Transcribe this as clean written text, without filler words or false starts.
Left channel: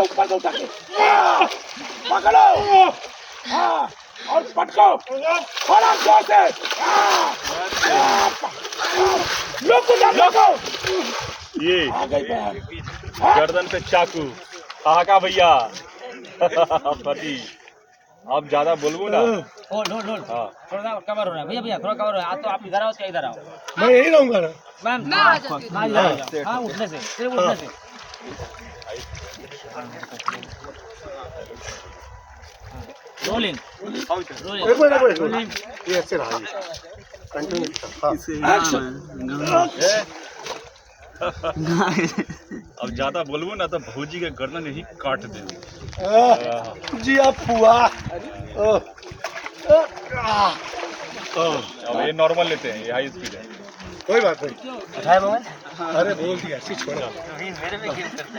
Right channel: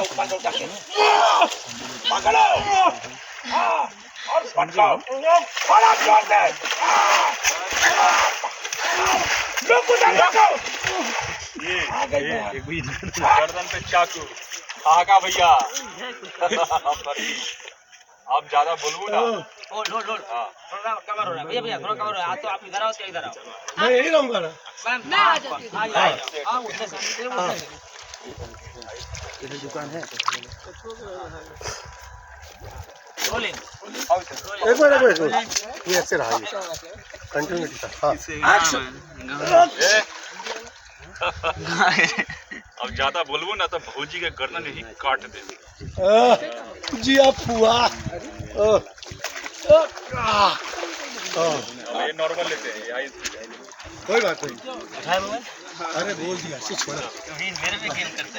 से ऊपर से उठा के पकड़ो। हाँ, और पटको और आप जोर से लोगो। ये गर्दन पे चाकू कहा भैया। आप ज्यादा बोलबो ना। होल्ड थोड़ा कवर हो रहा है भैया भैया, थोड़ा कवर हो रहा है। तो आप इधर आओ, क्या इधर आओ। मैं यही रहूंगा ना। मैं आ जाती हूँ। हाँ उठने से सिर्फ उठने से। रोलिंग एक मिनट ये ऐसे रहा, ये कंटिन्यू था। अब ज्यादा बोलबो ना तो भौजी के गर्दन ही काट देंगे। जी आप हुआ। अब ये नॉर्मल लेते हैं, ये हाई स्पीड है। कोई बात नहीं। उठाए मोबाइल। अरे बोल दिया, छोड़ा। मेरे में गेम करता है।